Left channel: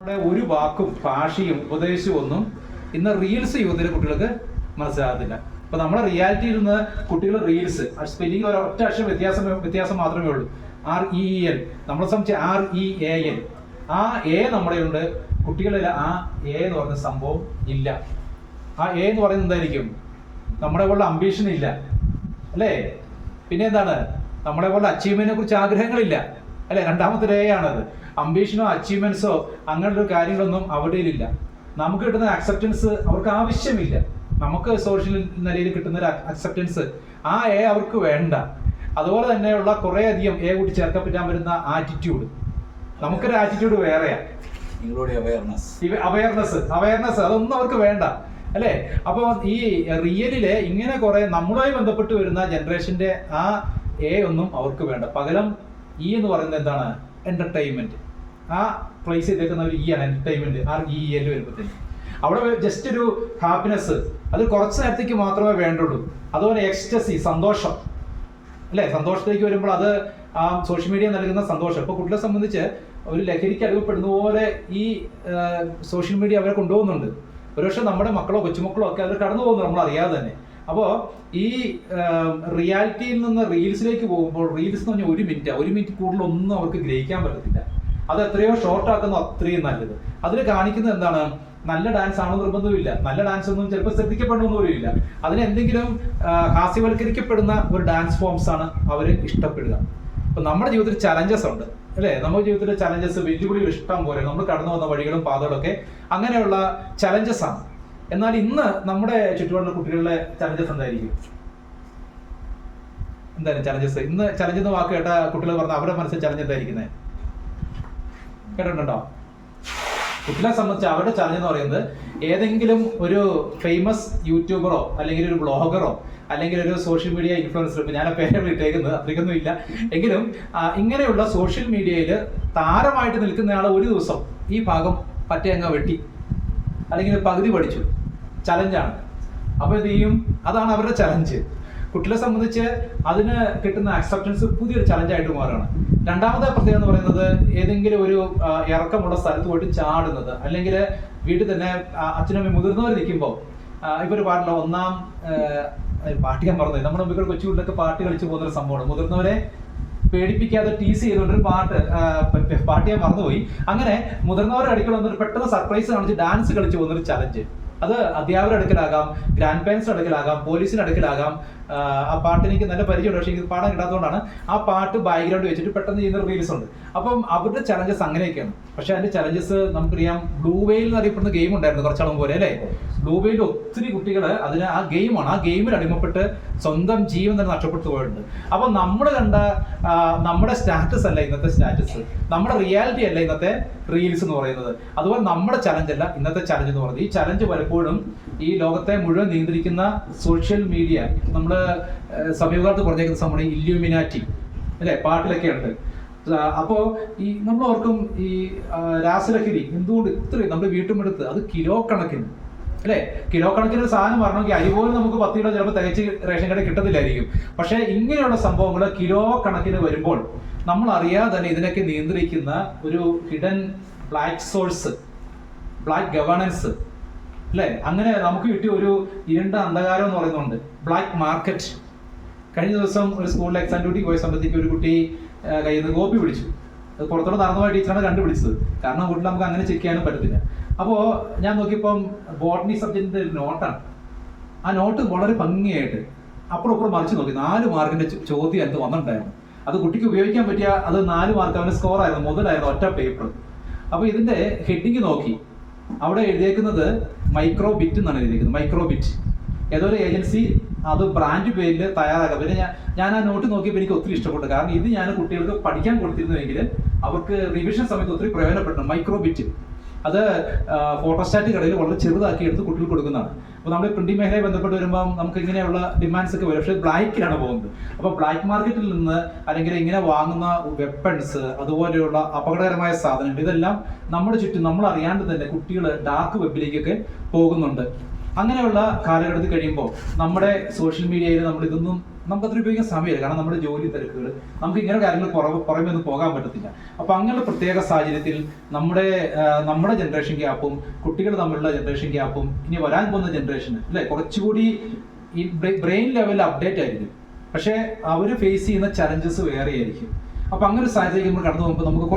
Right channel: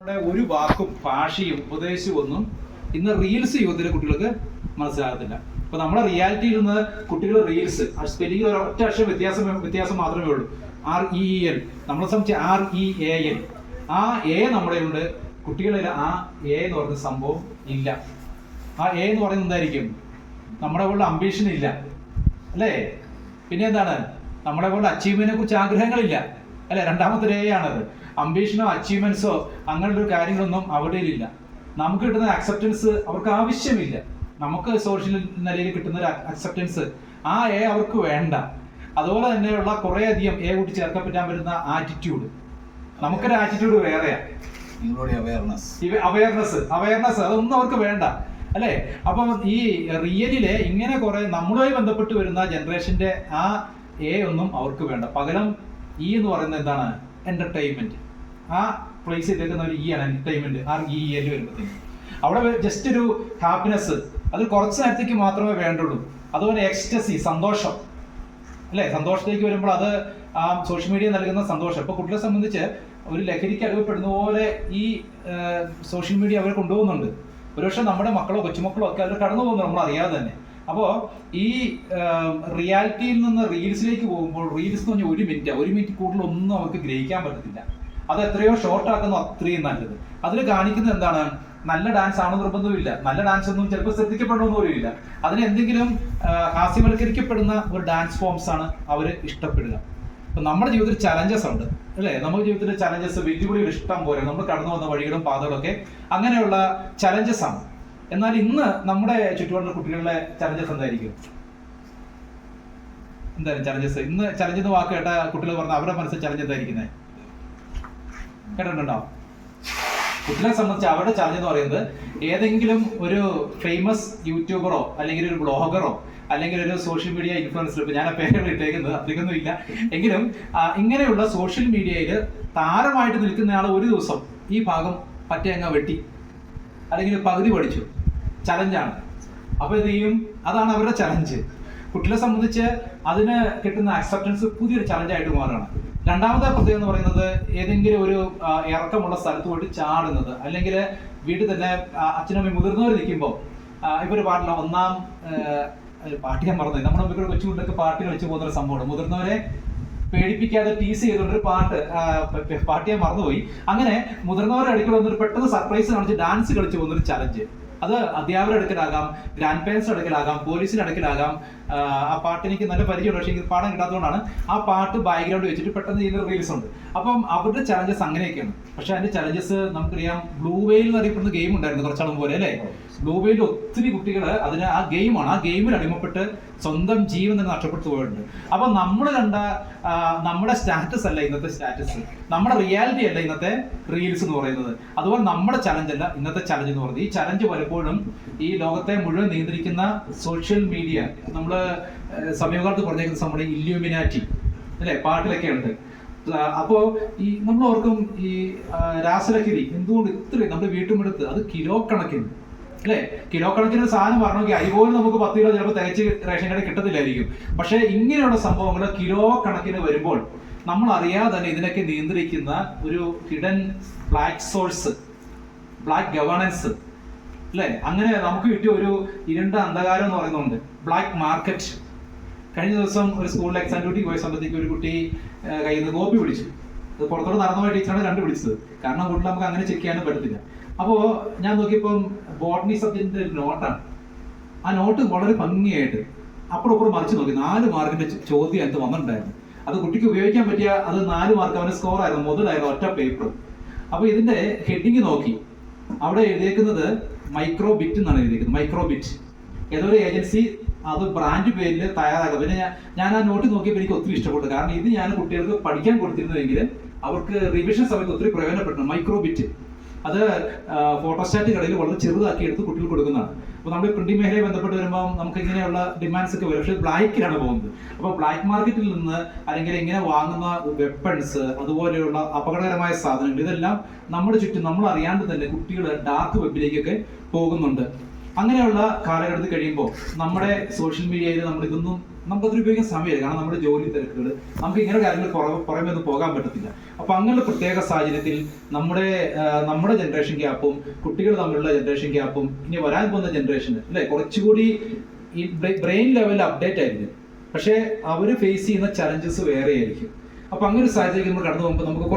ഒരു വാക്കും ഭാഷയും ഉപദേശവും ഒന്നും ഇന്ന് റീൽസ് യുവതിലെ കുട്ടികൾക്ക് മനസ്സിലാകത്തില്ല. അപ്പൊ നമ്മുടെ റിയാലിറ്റിയിൽ നിന്ന് കുട്ടികൾ റീൽസ് സ്പെല്ലിംഗ് ഒറ്റ അക്ഷരം വ്യത്യാസം മാത്രമേ ഉള്ളൂ. REEL നമ്മളെ സംബന്ധിച്ച് REAL. ആ എ നമ്മുടെ ഉണ്ട്, കുട്ടികളിൽ ആ എ എന്ന് പറയുന്ന സംഭവം ഇല്ല. ആ എ എന്ന് പറയുന്നത് എന്തായിരിക്കും? നമ്മുടെ പോലെ അംബീഷൻ ഇല്ല അല്ലേ? പിന്നെ എന്താണ്? നമ്മളെ പോലെ അച്ചീവ്മെന്റിനെ കുറിച്ച് ആഗ്രഹങ്ങളില്ല അല്ലെ? രണ്ടാമത്തെ എ ആണത്. അംബീഷനോ അച്ചീവ്മെന്റ്സോ അങ്ങനെയുള്ള കാര്യങ്ങളൊന്നും അവിടെയില്ല. നമുക്ക് കിട്ടുന്ന അക്സെപ്റ്റൻസ് അവർക്ക് ആവശ്യമില്ല. നമുക്ക് സോഷ്യൽ നിലയിൽ കിട്ടുന്ന ഒരു അക്സെപ്റ്റൻസ് ആ എ അവർക്ക് വേണ്ട. അതുപോലെ തന്നെയുള്ള കുറേ അധികം എ കൂട്ടി ചേർക്കാൻ പറ്റാൻ പറ്റുന്ന ആറ്റിറ്റ്യൂഡ്, നമുക്കൊരു ആറ്റിറ്റ്യൂഡ് വേറെയാണ്. അവയർനെസ് അതൊന്നും അവർക്ക് വേണ്ട അല്ലേ? അപ്പം ഈ റിയലിലെ ഇങ്ങനെ കുറെ നമ്മളുമായി ബന്ധപ്പെട്ട് വരുന്ന ജനറേഷന്റെ ആ എ ഒന്നും അവർക്ക് വേണ്ട. പകരം ഈ എന്ന് പറയുന്നത് എന്താണ്? എന്റർടൈൻമെന്റ്. ആ പ്ലേസ് ചെയ്തേക്കുന്ന ഒരു എന്റർടൈൻമെന്റ് REEL വരുമ്പോഴത്തേക്ക് അവിടെ ജസ്റ്റ് ഒരു ഹാപ്പിനെസ്, അത് കുറച്ച് നേരത്തേക്ക് മാത്രമേ വേണ്ടുള്ളൂ. അതുപോലെ എക്സ്റ്റസി, സന്തോഷം അല്ലേ? സന്തോഷത്തേക്ക് വരുമ്പോൾ അത് ആ സോഷ്യൽ മീഡിയ നൽകുന്ന സന്തോഷം. ഇപ്പൊ കുട്ടികളെ സംബന്ധിച്ച് ഒരു ലഹരിക്ക് അടിമപ്പെടുന്ന പോലെ ഈ സോഷ്യൽ മീഡിയ അവരെ കൊണ്ടുപോകുന്നുണ്ട്. ഒരുപക്ഷെ നമ്മുടെ മക്കളോ കൊച്ചുമക്കളോ ഒക്കെ അവർ കടന്നു പോകുന്നത് നമ്മൾ അറിയാതെ തന്നെ. അപ്പോൾ ഈ റിയാലിറ്റിയിൽ നിന്ന് റീൽസിലേക്ക് പോകുമ്പോൾ റീൽസ് എന്ന് പറഞ്ഞാൽ ഒരു മിനിറ്റ് കൂടുതൽ ഒന്നും അവർക്ക് ഗ്രഹിക്കാൻ പറ്റത്തില്ല. അത് എത്രയോ ഷോർട്ട് ആക്കുന്ന അത്രയും നല്ലത്. അതിൽ കാണിക്കുന്നത് എന്താണ്? നല്ല ഡാൻസ് ആണോ നിർബന്ധമില്ല. നല്ല ഡാൻസ് ഒന്നും ചിലപ്പോൾ ശ്രദ്ധിക്കപ്പെടണമെന്ന് പോലുമില്ല. അതിന് എന്തെങ്കിലും ഹാസ്യവൽക്കരിക്കപ്പെടുന്ന ഒരു ഡാൻസ് ഫോംസ് ആണ് അവർ ഇഷ്ടപ്പെടുക. അപ്പൊ നമ്മുടെ ജീവിതത്തിൽ ചലഞ്ചസ് ഉണ്ട് അല്ലേ? നമ്മുടെ ജീവിതത്തിലെ ചലഞ്ചസ്, വെല്ലുവിളികൾ ഇഷ്ടം പോലെ, നമ്മൾ കടന്നു വന്ന വഴികളും പാതകളും ഒക്കെ അങ്ങനെയുള്ള ചലഞ്ചസ് ആണ്. എന്നാൽ ഇന്ന് നമ്മുടെ ചുറ്റുപാടുള്ള കുട്ടികളുടെ ചലഞ്ചസ് എന്തായിരിക്കും? എന്തായാലും ചലഞ്ചസ് ഇന്ന് ചലഞ്ച് എന്ന വാക്ക് കേട്ട കുട്ടികൾ പറഞ്ഞ അവരുടെ മനസ്സിൽ ചലഞ്ച് എന്തായിരിക്കുന്നത് കേട്ടിട്ടുണ്ടോ? കുട്ടികളെ സംബന്ധിച്ച് അവരുടെ ചലഞ്ച് എന്ന് പറയുന്നത് ഏതെങ്കിലും ഒരു ഫേമസ് യൂട്യൂബറോ അല്ലെങ്കിൽ ഒരു ബ്ലോഗറോ അല്ലെങ്കിൽ ഒരു സോഷ്യൽ മീഡിയ ഇൻഫ്ലുവൻസർ, ഇപ്പൊ ഞാൻ ആ പേരാണ് ഇട്ടേക്കുന്നത്, അധികമൊന്നും ഇല്ല എങ്കിലും ഇങ്ങനെയുള്ള സോഷ്യൽ മീഡിയയിൽ താരമായിട്ട് നിൽക്കുന്നയാളെ ഒരു ദിവസം ഈ ഭാഗം പറ്റേ അങ്ങ് വെട്ടി അല്ലെങ്കിൽ പകുതി പഠിച്ചു. ചലഞ്ചാണ്. അപ്പൊ എന്ത് ചെയ്യും? അതാണ് അവരുടെ ചലഞ്ച്. കുട്ടികളെ സംബന്ധിച്ച് അതിന് കിട്ടുന്ന അക്സെപ്റ്റൻസ് പുതിയൊരു ചലഞ്ചായിട്ട് മാറുകയാണ്. രണ്ടാമത്തെ പ്രത്യേകത എന്ന് പറയുന്നത് ഏതെങ്കിലും ഒരു ഇറക്കമുള്ള സ്ഥലത്ത് പോയിട്ട് ചാടുന്നത്, അല്ലെങ്കിൽ വീട്ടിൽ തന്നെ അച്ഛനമ്മ മുതിർന്നവർ നിൽക്കുമ്പോൾ ഇവർ പാടില്ല ഒന്നാം പാട്ട് ഞാൻ പറഞ്ഞത് നമ്മുടെ മുമ്പിൽ കൊച്ചുകുട്ടിലൊക്കെ പാട്ട് കളിച്ചു പോകുന്നൊരു സംഭവമാണ്. മുതിർന്നവരെ പേടിപ്പിക്കാതെ ടീസ് ചെയ്തുകൊണ്ടൊരു പാട്ട് ഞാൻ മറന്നുപോയി. അങ്ങനെ മുതിർന്നവരുടെ അടുക്കൽ വന്നൊരു പെട്ടെന്ന് സർപ്രൈസ് കാണിച്ച് ഡാൻസ് കളിച്ചു പോകുന്നൊരു ചലഞ്ച്. അത് അധ്യാപകരുടെ അടുക്കലാകാം, ഗ്രാൻഡ് പേരൻസിന്റെ അടുക്കലാകാം, പോലീസിന്റെ അടുക്കലാകാം. ആ പാട്ട് എനിക്ക് നല്ല പരിചയമുണ്ട്, പക്ഷേ എനിക്ക് പാടാൻ കിട്ടാത്തതുകൊണ്ടാണ് ആ പാട്ട് ബാക്ക്ഗ്രൗണ്ട് വെച്ചിട്ട് പെട്ടെന്ന് ചെയ്യുന്ന റീൽസ് ഉണ്ട്. അപ്പം അവരുടെ ചലഞ്ചസ് അങ്ങനെയൊക്കെയാണ്. പക്ഷെ അതിന്റെ ചലഞ്ചസ് നമുക്കറിയാം. ബ്ലൂ വെയിൽ എന്ന് അറിയപ്പെടുന്ന ഗെയിം ഉണ്ടായിരുന്നു കുറച്ചാളും പോലെ അല്ലേ? ബ്ലൂ വെയിൽ ഒത്തിരി കുട്ടികൾ അതിന് ആ ഗെയിമാണ്, ആ ഗെയിമിൽ അടിമപ്പെട്ട് സ്വന്തം ജീവൻ തന്നെ നഷ്ടപ്പെട്ടു പോയിട്ടുണ്ട്. അപ്പൊ നമ്മൾ കണ്ട നമ്മുടെ സ്റ്റാറ്റസ് അല്ല ഇന്നത്തെ സ്റ്റാറ്റസ്, നമ്മുടെ റിയാലിറ്റി അല്ല ഇന്നത്തെ റീൽസ് എന്ന് പറയുന്നത്. അതുപോലെ നമ്മുടെ ചലഞ്ച് അല്ല ഇന്നത്തെ ചലഞ്ച് എന്ന് പറയുന്നത്. ഈ ചലഞ്ച് പലപ്പോഴും ഈ ലോകത്തെ മുഴുവൻ നിയന്ത്രിക്കുന്ന സോഷ്യൽ മീഡിയ, നമ്മള് സമീപകാലത്ത് പറഞ്ഞേക്കുന്ന നമ്മുടെ ഇല്യൂമിനാറ്റി അല്ലെ, പാട്ടിലൊക്കെ ഉണ്ട്. അപ്പോ ഈ നമ്മൾ ഓർക്കും ഈ രാസലഹരി എന്തുകൊണ്ട് ഇത്രയും നമ്മുടെ വീട്ടുമെടുത്ത് അത് കിലോ കണക്കിന് അല്ലെ? കിലോ കണക്കിന് ഒരു സാധനം പറഞ്ഞെങ്കിൽ അരി പോലും നമുക്ക് 10 കിലോ ചിലപ്പോൾ തികച്ച് റേഷൻ കടയിൽ കിട്ടത്തില്ലായിരിക്കും. പക്ഷെ ഇങ്ങനെയുള്ള സംഭവങ്ങൾ കിലോ കണക്കിന് വരുമ്പോൾ നമ്മൾ അറിയാതെ തന്നെ ഇതിനൊക്കെ നിയന്ത്രിക്കുന്ന ഒരു hidden black source, black governance അല്ലെ? അങ്ങനെ നമുക്ക് കിട്ടിയ ഒരു ഇരുണ്ട അന്ധകാരം എന്ന് പറയുന്നുണ്ട്, ബ്ലാക്ക് മാർക്കറ്റ്. കഴിഞ്ഞ ദിവസം ഒരു സ്കൂളിൽ എക്സാം ഡ്യൂട്ടി പോയ സമയത്തേക്ക് ഒരു കുട്ടി കയ്യിൽ നിന്ന് കോപ്പി പിടിച്ചു. അത് പുറത്തോട്ട് നടന്നുപോയ ടീച്ചറാണ് കണ്ടുപിടിച്ചത്. കാരണം കുട്ടികൾ നമുക്ക് അങ്ങനെ ചെക്ക് ചെയ്യാനും പറ്റത്തില്ല. അപ്പോൾ ഞാൻ നോക്കിയപ്പം ബോട്ടണി സബ്ജക്റ്റിന്റെ ഒരു നോട്ടാണ്. ആ നോട്ട് വളരെ ഭംഗിയായിട്ട് അപ്പുറം മറിച്ച് നോക്കി 4 മാർക്കിന്റെ ചോദ്യം എനിക്ക് വന്നിട്ടുണ്ടായിരുന്നു. അത് കുട്ടിക്ക് ഉപയോഗിക്കാൻ പറ്റിയ അത് 4 മാർക്ക് അവന്റെ സ്കോർ ആയിരുന്നു, മുതലായിരുന്നു ഒറ്റ പേപ്പർ. അപ്പോൾ ഇതിന്റെ ഹെഡിങ് നോക്കി, അവിടെ എഴുതിയേക്കുന്നത് മൈക്രോ ബിറ്റ് എന്നാണ് എഴുതിയിരിക്കുന്നത്. മൈക്രോ ബിറ്റ് ഏതൊരു ഏജൻസി അത് ബ്രാൻഡ് പേരിൽ തയ്യാറാക്കുക. പിന്നെ ഞാൻ ആ നോട്ട് നോക്കിയപ്പോൾ എനിക്ക് ഒത്തിരി ഇഷ്ടപ്പെട്ടു. കാരണം ഇത് ഞാൻ കുട്ടികൾക്ക് പഠിക്കാൻ കൊടുത്തിരുന്നുവെങ്കിൽ അവർക്ക് റിവിഷൻ സമയത്ത് ഒത്തിരി പ്രയോജനപ്പെട്ടു. മൈക്രോ ബിറ്റ് അത് ഫോട്ടോസ്റ്റാറ്റ് കടയിൽ വളരെ ചെറുതാക്കി എടുത്ത് കുട്ടികൾക്ക് കൊടുക്കുന്നതാണ്. അപ്പോൾ നമ്മൾ പ്രിന്റിംഗ് മേഖലയെ ബന്ധപ്പെട്ട് വരുമ്പോൾ നമുക്ക് ഇങ്ങനെയുള്ള ഡിമാൻഡ്സ് ഒക്കെ വരും. പക്ഷേ ബ്ലാക്കിലാണ് പോകുന്നത്. അപ്പോൾ ബ്ലാക്ക് മാർക്കറ്റിൽ നിന്ന് അല്ലെങ്കിൽ ഇങ്ങനെ വാങ്ങുന്ന വെപ്പൺസ്, അതുപോലെയുള്ള അപകടകരമായ സാധനങ്ങൾ, ഇതെല്ലാം നമ്മുടെ ചുറ്റും നമ്മൾ അറിയാണ്ട് തന്നെ കുട്ടികൾ ഡാർക്ക് വെബിലേക്കൊക്കെ പോകുന്നുണ്ട്. അങ്ങനെയുള്ള കാലഘട്ടത്തിൽ കഴിയുമ്പോൾ നമ്മുടെ സോഷ്യൽ മീഡിയയിൽ നമ്മൾ ഇതൊന്നും നമുക്കത് ഉപയോഗിക്കാൻ സമയമില്ല. കാരണം നമ്മുടെ ജോലി തിരക്കുകൾ, നമുക്ക് ഇങ്ങനെ കാര്യങ്ങൾ പുറമെ ഒന്നും പോകാൻ പറ്റത്തില്ല. അപ്പൊ അങ്ങനെയുള്ള പ്രത്യേക സാഹചര്യത്തിൽ നമ്മുടെ ജനറേഷൻ ഗ്യാപ്പും കുട്ടികൾ തമ്മിലുള്ള ജനറേഷൻ ഗ്യാപ്പും ഇനി വരാൻ പോകുന്ന ജനറേഷന് അല്ലെ കുറച്ചുകൂടി ഈ ബ്രെയിൻ ലെവലിൽ അപ്ഡേറ്റ് ആയിരിക്കും. പക്ഷെ അവര് ഫേസ് ചെയ്യുന്ന ചലഞ്ചസ് വേറെ ആയിരിക്കും. അപ്പൊ അങ്ങനെ ഒരു സാഹചര്യം നമ്മൾ കടന്നു പോകുമ്പോൾ നമുക്ക്